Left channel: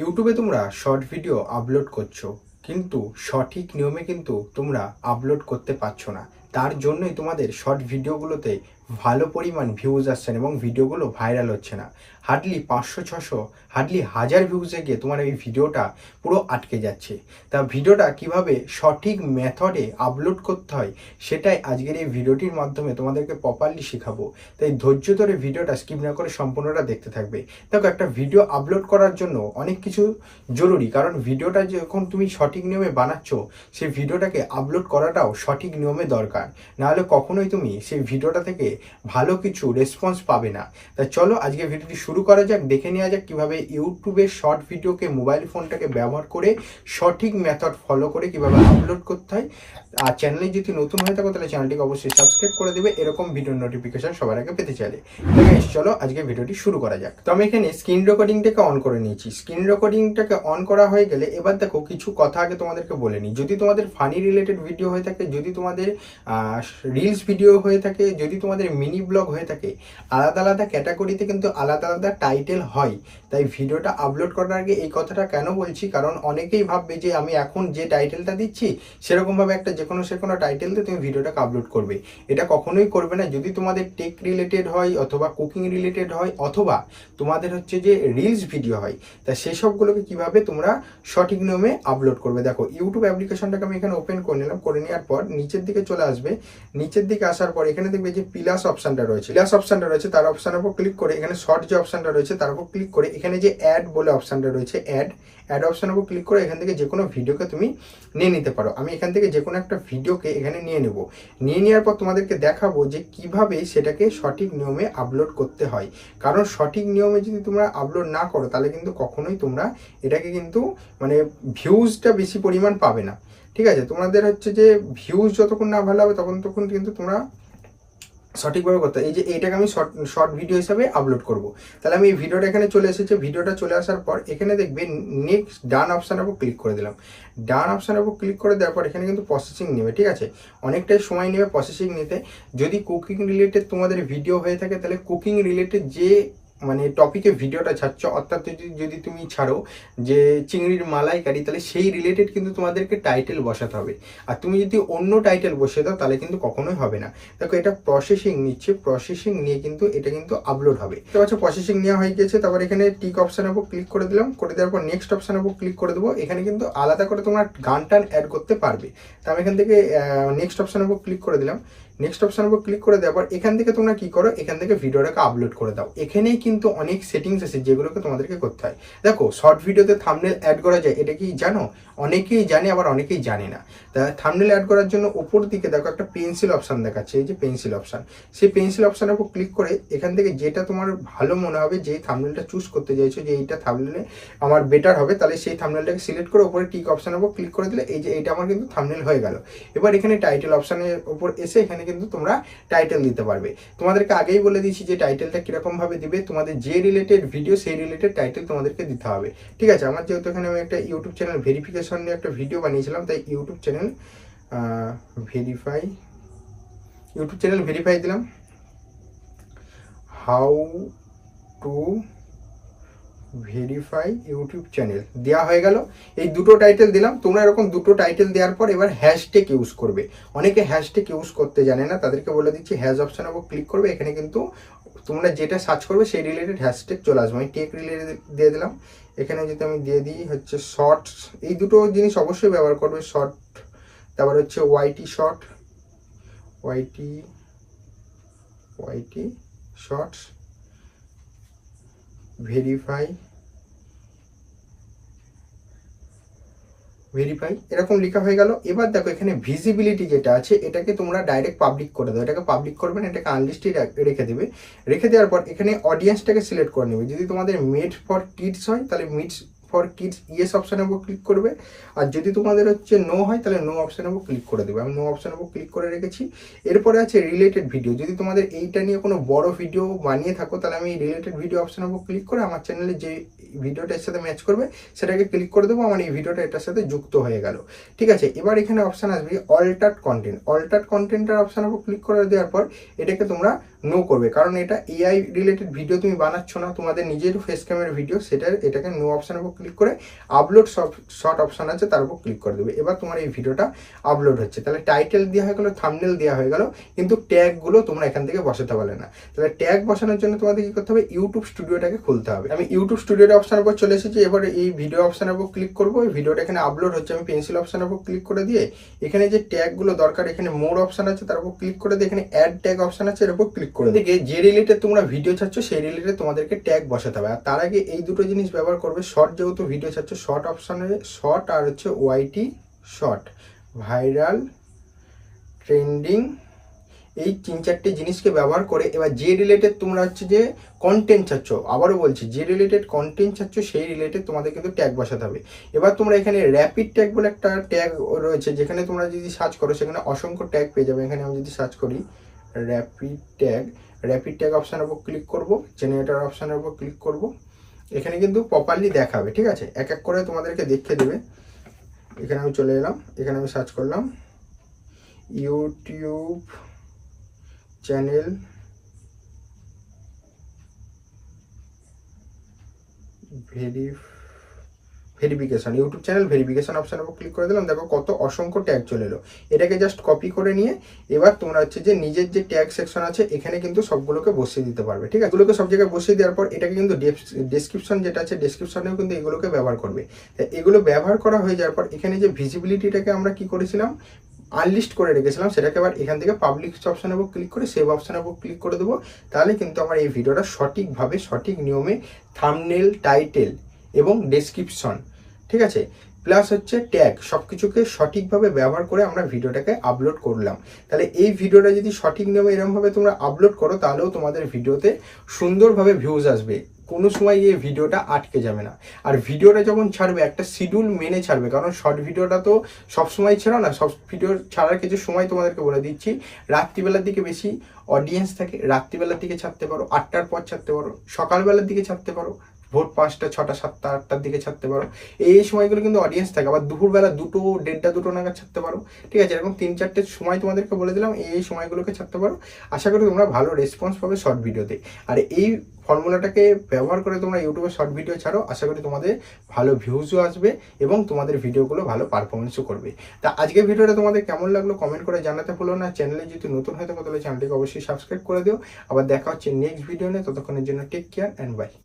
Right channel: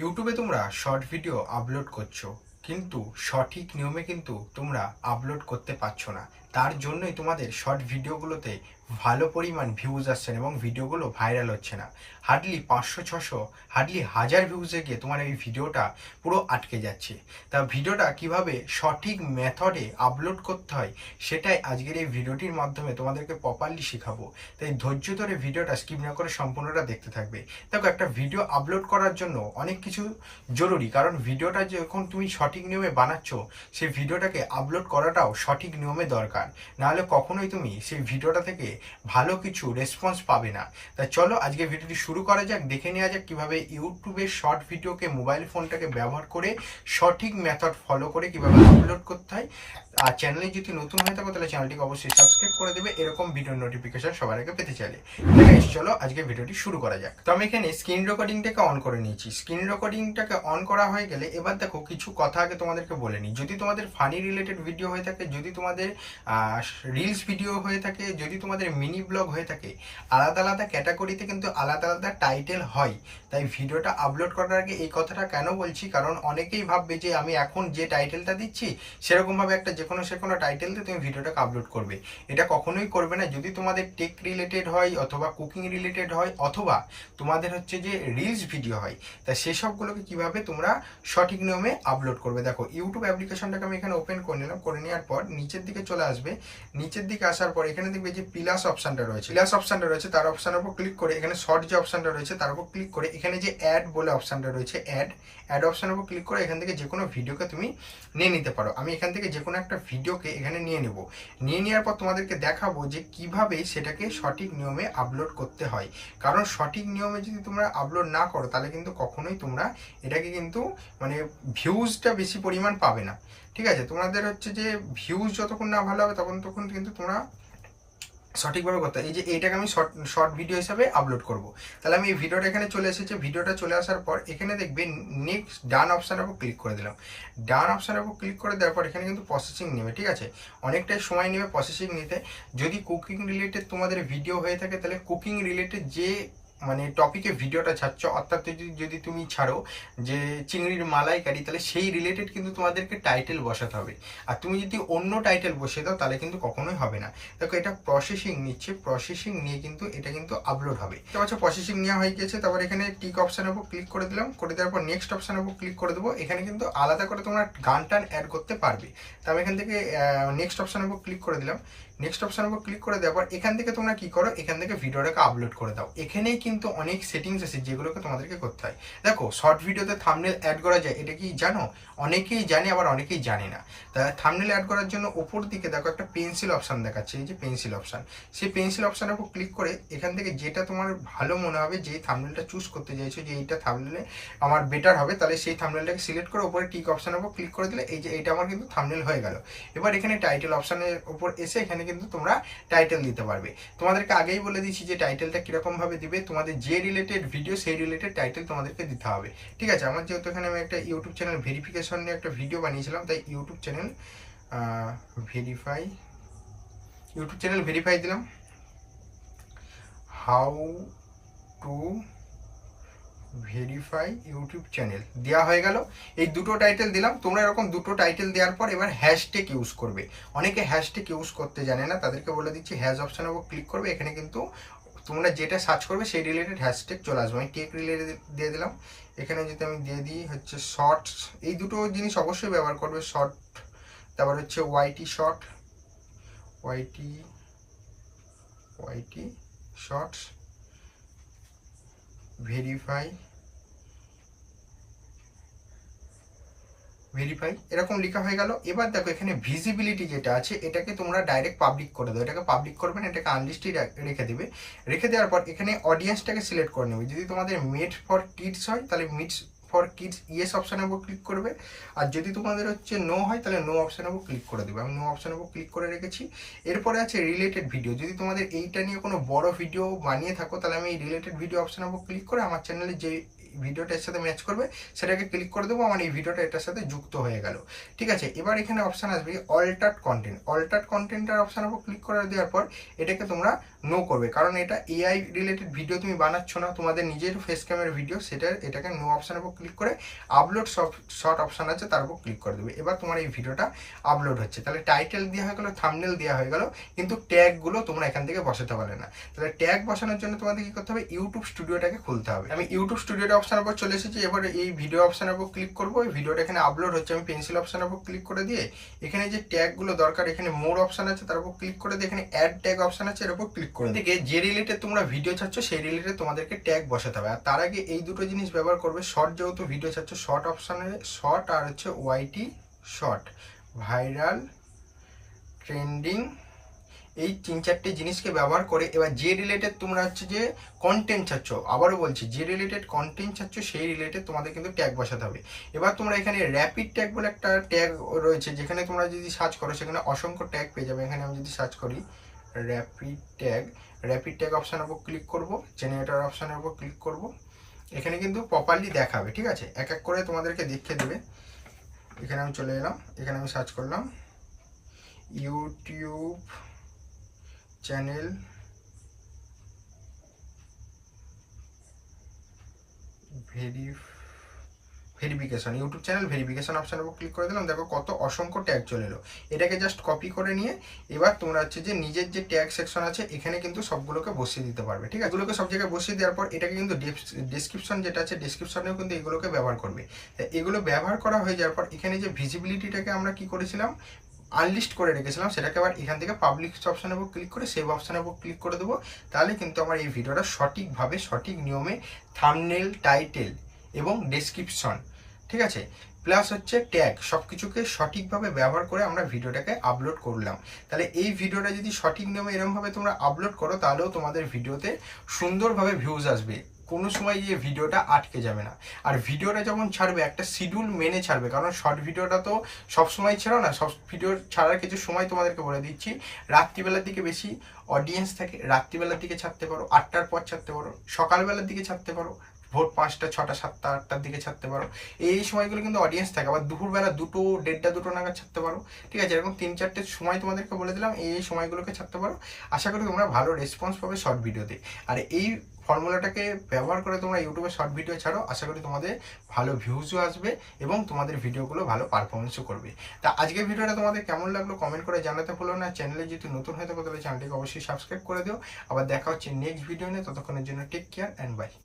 ইউটিউবে তোমরা short video upload করছো, কিন্তু সঠিক নিয়মে কিন্তু তোমরা আপলোড করতে পারছো না। তার জন্যই তোমাদের শর্ট ভিডিওগুলোতে ভালো পরিমাণ ভিউজ আসছে না এবং ভিডিওগুলো ভাইরাল হচ্ছে না। হার্ডলি 500-600, হার্ডলি 1000 ভিউজে গিয়ে তোমার এই ভিডিওটা পুরো আটকে যাচ্ছে। তা ভিডিওটা কিভাবে সঠিক মেথডে আপলোড করতে হয় সেটাই আজকের এই ভিডিওটির মাধ্যমে তোমাদেরকে প্রপারলি শেখাবো। তাই ধৈর্য ধরে ভিডিওটা স্কিপ না করে সম্পূর্ণটা দেখতে থাকবে। দেখো, একটা ভিডিও আপলোড করার জন্য অনেক কিছু জরুরি, কারণ ভিডিওটা যখন তুমি সঠিক নিয়মে বানাচ্ছ সেই ভিডিওটাকে আপলোড করাটাও সঠিক নিয়মে দরকার। নাহলে কখনোই তুমি সেই ভিডিওটা থেকে ভালো কিছু রেসপন্স পাবে না। তাই চলো আজকে ভিডিওটি শুরু করা যাক, দেখে নেওয়া যাক কিভাবে ইউটিউবের শর্ট ভিডিওকে মোবাইল ফোনটাকে ব্যবহার করে সঠিক মেথড ফলো করে কিভাবে আপলোড করতে হয়। আর চ্যানেলে যদি নতুন হয়ে থাকো তাহলে চ্যানেলটিকে অবশ্যই সাবস্ক্রাইব করে দেবে এরকম ভিডিও নোটিফিকেশন সবার আগে পেতে চাইলে। চলো আজকে ভিডিওটি শুরু করা যাক। তো আমি এখানে স্ক্রিন রেকর্ডিংটাকে অন করে নিয়েছি। স্ক্রিন রেকর্ডিংটাকে অন করা হয়ে গেলে এবার দেখো কিছু কথা আগে তোমাদেরকে বলে নিই। যদি তোমাদের ফানি রিলেটেড ভিডিও হয়ে থাকে, যদি তোমাদের রিলস ভিডিও হয়ে থাকে, যদি তোমাদের মিনি ব্লগ হয়ে থাকে, আলাদা আলাদা ক্যাটাগরিতে কিন্তু আলাদা আলাদা টাইটেল হয়। তাই ভিডিওটা আপলোড করার আগে এই কথাটা কেন বলছি, কারণ অনেকেই ভাববে যে আমি এখন যে টাইটেলটা দিচ্ছি সেরকমভাবে একটা যে কোনো টাইটেল দিয়ে তুমি ভিডিওটাকে আপলোড করবে। এটা কখনোই করবে না। যদি তোমাদের টেক রিলেটেড হয় অথবা কুকিং রিলেটেড হয় অথবা তোমাদের হচ্ছে যে রিলস ভিডিও হয়, তা সেসবগুলোকে কিভাবে তোমরা সঠিক নিয়মে আপলোড করবে। দেখো, ইউটিউব অ্যাপ্লিকেশনটাকে আমি এখানে ওপেন করে নিলাম। করে নেওয়ার পর নিচের দিকে চলে আসবে। নিচের দিকে আসার পর এখানে দেখবে যে প্লাস অপশনটা রয়েছে, তার অপশনের উপর ক্লিক করে এখানে শর্ট যে অপশনটা রয়েছে তার উপর ক্লিক করে এখানে যে অ্যাড বলে অপশনটা রয়েছে, অ্যাড অপশনের উপর ক্লিক করে এখান থেকে যে কোনো ভিডিওকে তুমি নিয়ে নিতে পারো। আমি এখান থেকে যে কোনো একটা ভিডিওকে এখানে নিয়ে নেব। নিয়ে নেওয়ার পর তোমাদেরকে দেখাবো যে কিভাবে সেটাকে সঠিক নিয়মে আপলোড করতে হয়। কারণ সঠিক নিয়মে যদি তোমরা আপলোড না করো তাহলে কিন্তু কখনোই তোমরা এটাকে কিন্তু ভিউজটা বেশি পরিমাণ পাবে না। ঠিক আছে, তোমাদের হচ্ছে যে ভিউজ যতক্ষণ না ভালো হবে তখন কিন্তু তোমরা সঠিকভাবে করতে হয়। এই যে এইটাকে আমি শর্ট ভিডিও হিসাবে আপলোড করব। তাহলে আমি এই ভিডিওটা এখানে চলে এসেছে। ভিডিওটা চলে আসার পর এখানে দেখবে নেক্সট ডান অপশানের উপর ক্লিক করে দিলাম। ডান অপশানের উপর ক্লিক করে দেওয়ার পর এখানে কিন্তু প্রসেসিং নেবে। ঠিক আছে, অনেকটাই সময় নেবে প্রসেসিং নিতে। যদি কুকিং রিলেটেড তোমাদের ভিডিও হয়ে থাকে তাহলে কুকিং রিলেটেড যে টপিকে ভিডিওটা ছাড়ছ, অর্থাৎ যদি তুমি ছাড়ো যে চিংড়ির মালাইকারি, তাহলে সেই রিলেটেড কিন্তু তোমাদেরকে টাইটেল বসাতে হবে। আর তুমি যদি অন্য টাইটেল বসিয়ে দাও তাহলে কিন্তু কখনোই হবে না। দেখো, এটা প্রসেসিং নিচ্ছে, প্রসেসিং নিয়ে কিন্তু এটা কিন্তু আপলোড হবে। তো আচ্ছা, প্রসেসিং নেওয়া হয়ে গেছে। তারপর এখানে টিক অপশানের উপর ক্লিক করে দিলাম। করে দেওয়ার পর নেক্সট অপশানের উপর ক্লিক করে দেবো। এখানে কিন্তু আলাদা করে তোমরা গান টান অ্যাড করতে পারবে। তো আমি এখান থেকে নেক্সট অপশানের উপর ক্লিক করে দিলাম। নেক্সট অপশানের উপর ক্লিক করে দেওয়ার পর এখান থেকে তোমরা কি করো, এখান থেকে ভিডিওটাকে আপলোড করে দাও। এখানেই কিন্তু অনেক সেটিংস আছে যেগুলোকে তোমাদেরকে করতে হয়। দেখো, শর্ট ভিডিওতে থাম্বনেল অ্যাড করা যায়, এটা কি জানো? অনেকেই জানে আবার অনেকেই জানে না। তা থাম্বনেল অ্যাড করার জন্য উপর দিকে দেখো একটা পেন্সিল অপশান দেখাচ্ছে, এই যে পেন্সিল অপশান। সেই পেন্সিল অপশানের উপর ক্লিক করে এখান থেকে যেটা তোমার ভালো মনে হবে, যে থাম্বনেলটা চুজ করতে চাইছো যে এইটা থাম্বনেলে আমার বেটার হবে, তাহলে সেই থাম্বনেলটাকে সিলেক্ট করে উপরে টিক অপশানের উপর ক্লিক করে দিলে এই যে এইটা আমার কিন্তু থাম্বনেল হয়ে গেল। এবার এখানে টাইটেল অপশানের উপর এসে এখানে কিন্তু তোমরা টাইটেল দিতে পারবে। তোমাদেরকে আগেই বলে দিয়েছি যে টাইটেলটা কিরকম ভাবে দিবে। তোমাদের যে রিলেটেড ভিডিও সেই রিলেটেড টাইটেল তোমাদেরকে দিতে হবে। ঠিক আছে, আমার যেহেতু এখানে আমি একটা ইউটিউব চ্যানেল ভেরিফিকেশন নিয়ে একটা ভিডিও বানিয়েছিলাম, তাই ইউটিউব চ্যানেল ভেরিফাই দিলাম। How to verify YouTube channel দেওয়া হয়ে গেল। এই দুটো টাইটেল দিলাম। তোমরা এরকম দুটো টাইটেল দেওয়ার পর এবার হ্যাশট্যাগ ইউজ করবে। অনেকে হ্যাশট্যাগ ইউজ করতে জানে না, তাদেরকে বলে দিচ্ছি হ্যাশ অপশানের উপর ক্লিক করবে। এখানে কিন্তু তোমরা যেটা সার্চ করবে সেই রিলেটেড হ্যাশট্যাগ চলে আসবে। আমি টেক রিলেটেড দিয়ে দিলাম। এখানে যদি আমি দিয়ে দিই হচ্ছে শর্টস, এই দুটো জিনিস অবশ্যই ব্যবহার করবে, শর্ট। তারপর হচ্ছে ওয়াইটি শর্ট, ওয়াইটি শর্টস ভেরিফাই এরকম লেখা হয়ে গেল। এবার দেখো, এখানে ভিজিবিলিটি যেটা আছে এটাকে তোমরা ডাইরেক্ট পাবলিক করে দাও। এটাকে পাবলিক করবে না, এটাকে আনলিস্টেড রেখে দেবে। রেখে দেওয়ার পর এখানে অডিয়েন্সটাকে সিলেক্ট করে নেবে। যদি তোমাদের মেড ফর কিডস হয় তাহলে মিডস ফর কিডস ইয়েস অপশানের উপর ক্লিক করবে। আর যদি তোমাদের হচ্ছে নো হয় তাহলে নো অপশানের উপর ক্লিক করে দেবে। আমি নো অপশানের উপর ক্লিক করে রেখেছি। এরপরে আছে রিলেটেড ভিডিও। যদি তোমাদের এইটা নিয়ে কোনো বড় ভিডিও বানিয়ে থাকো তাহলে আমি এই রিলেটেড ভিডিও অপশানের উপর ক্লিক করে আমার চ্যানেলে যে ভিডিওটা এর সাথে ম্যাচ করবে সেটাকে ক্লিক করে দেবো। আমার এই ভিডিওটা এটার সাথে যুক্ত হয়ে গেল। ঠিক আছে, এবার এখানে অপশান আসবে অল্টার্ড কন্টেন্টের অপশানের উপর ক্লিক করে দেওয়ার পর এটাকে তোমরা নো করবে, কারণ এটা এআই রিলেটেড ভিডিও তুমি বানাচ্ছ না, তোমাদের নিজের ফেস ক্যামেরার ভিডিও, এটাকে নো অপশানের উপর ক্লিক করে আপলোড শর্ট অপশান আছে তার উপর ক্লিক করে দেবে। এবার তোমার এই ভিডিওটা আপলোড হচ্ছে, তাহলে টাইটেল দেওয়া হয়ে গেলো, থাম্বনেল দেওয়া হয়ে গেল, কিন্তু ট্যাগগুলো তোমরা এখান থেকে বসাতে পারলে না। তাহলে ট্যাগ বসানোর জন্য তোমাদের কি করতে হবে, ইউটিউব স্টুডিওটাকে খুলতে হবে। আমি ইউটিউব স্টুডিওর অপশানের উপর চলে এসেছি, এবার এই ভিডিও অপশানের উপর ক্লিক করবো, এই ভিডিওটা এখানে আপলোড হচ্ছে, আমি পেন্সিল অপশানের উপর ক্লিক করে দিয়ে এখানে যে ট্যাগগুলো দরকার, এখানে মোর অপশান আছে তার উপর ক্লিক করে দিয়ে এখানে অ্যাড ট্যাগ অপশান আছে এর উপর ক্লিক করে দিকে যে রিলেটেড তোমরা ভিডিও চাচ্ছ সেই রিলেটেড তোমাদেরকে ট্যাগ বসাতে হবে। আর তার আগে এই দুটো জিনিস ব্যবহার করবে, শর্ট যেহেতু ভিডিও চাচ্ছ, শর্ট অপশানে শর্ট আর হচ্ছে ওয়াইটি শর্ট, ভাইরাল, ট্রেন্ডিং, এই 3-4টে জিনিসকে ব্যবহার করে এবার যে রিলেটেড তোমরা হচ্ছে যে কন্টেন্ট চাচ্ছ, আবারও বলছি যে রিলেটেড কন্টেন্ট চাচ্ছ সেই রিলেটেড তোমাদের কিন্তু ট্যাগ বসাতে হবে। এবার তোমরা এখানে র্যাপিড ট্যাগ বলে একটা ট্যাগ রয়েছে, যেখানে তোমরা যদি সার্চ করো সেখানে অসংখ্য ট্যাগ পেয়ে যাবে। এখানে আমি যদি সার্চ করি র্যাপিড ট্যাগ অপশানের উপর ক্লিক করব, জেনারেটর অপশানের উপর ক্লিক করব, এখানে কিন্তু প্রপারলি দেখাবে, ঠিক আছে, এক এক করে তোমাদেরকে দেখিয়ে দেবে। এখানে আমি চলে এলাম, এখানে আমি সার্চ করলাম YouTube channel verification, YouTube channel verification অপশানের উপর ক্লিক করে দিলাম। দেখো কত অসংখ্য ট্যাগ চলে এলো। এটাকে জাস্ট কপি করে নিয়ে এবার তোমরা হচ্ছে যে নিজের যে ট্যাগ সেকশন আছে এখানে কিন্তু সবগুলোকে বসিয়ে দিতে পারবে, ঠিক আছে। এগুলোকে সব জায়গায় বসিয়ে দেওয়ার পর এটাকে কিন্তু ডেসক্রিপশন যেটা আছে ডেসক্রিপশনেও কিন্তু এগুলোকে ব্যবহার করবে। তাই এগুলো ব্যবহার করা হয়ে যাওয়ার পর এখানে যে ভিজিবিলিটিটাকে আমরা কি করেছিলাম, আনলিস্ট করে রেখেছিলাম, সেটাকে আবার এখান থেকে পাবলিক অপশানের উপর ক্লিক করে সেভ অপশানের উপর ক্লিক করে দেবো। তাহলে কিন্তু আমার এই ভিডিওটা সঠিকভাবে সঠিক নিয়মে থাম্বনেল, টাইটেল এবং ডেসক্রিপশন, ঠিক আছে, প্লাস হচ্ছে ট্যাগ, সব কিছুকে সঠিকভাবে ব্যবহার করে আমরা ভিডিওটাকে আপলোড করলাম। তাহলে এই ভিডিওটা যদি সঠিক নিয়মে এরকমভাবে তোমরা আপলোড করো তাহলেও তোমাদের ভিডিওতে সুন্দরভাবে ভিউজ আসবে, কোনো সময় এই ভিডিওটা আটকে যাবে না। আর ভিডিওটা যখন ছাড়বে একটা শিডিউল মেনে ছাড়বে, কারণ শর্ট ভিডিওটা তো সবসময় ছেড়ো না, সব ভিডিও ছাড়ার কিছু সময় তোমাদেরকে বলে দিচ্ছি। রাত্রিবেলার দিকে বেশি অডিয়েন্স থাকে, রাত্রিবেলার দিকে ছাড়তে পারো, 8টার পর ছাড়তে পারো, সকালবেলার দিকে ছাড়তে পারো, ভোর 5টা, 6টা, 7টা, 8টার দিকে ছাড়তে পারো, এই সময়গুলো কিন্তু অডিয়েন্স থাকে। আবার দুপুরবেলা 2টো, 1:30, 2টো নাগাদ ছাড়তে পারো, ঠিক আছে। এরকম 3-4টে সময় তোমাদেরকে বলে দিলাম, এই সময়গুলোকে ছাড়তে পারো। আশা করি তোমরা ভালো রেসপন্স পাবে শর্ট ভিডিওতে। আর এই ফর্মুলাটাকে ব্যবহার করে তোমরা ইউটিউবে শর্ট ভিডিও ছাড়ো, আশা করি তোমাদের ভালো ভিউজও আসবে এবং তোমাদের ভিডিওগুলো ভালো পারফরমেন্সও করবে। তা আজকের ভিডিওটা তোমাদের কেমন লাগলো কমেন্ট করে জানাতে ভুলো না। চ্যানেলে যদি নতুন হয়ে থাকো তাহলে চ্যানেলটিকে অবশ্যই সাবস্ক্রাইব করে দিও। আবার দেখা হচ্ছে নেক্সট ভিডিও নিয়ে, ততক্ষণের জন্য টেক কেয়ার অ্যান্ড বাই।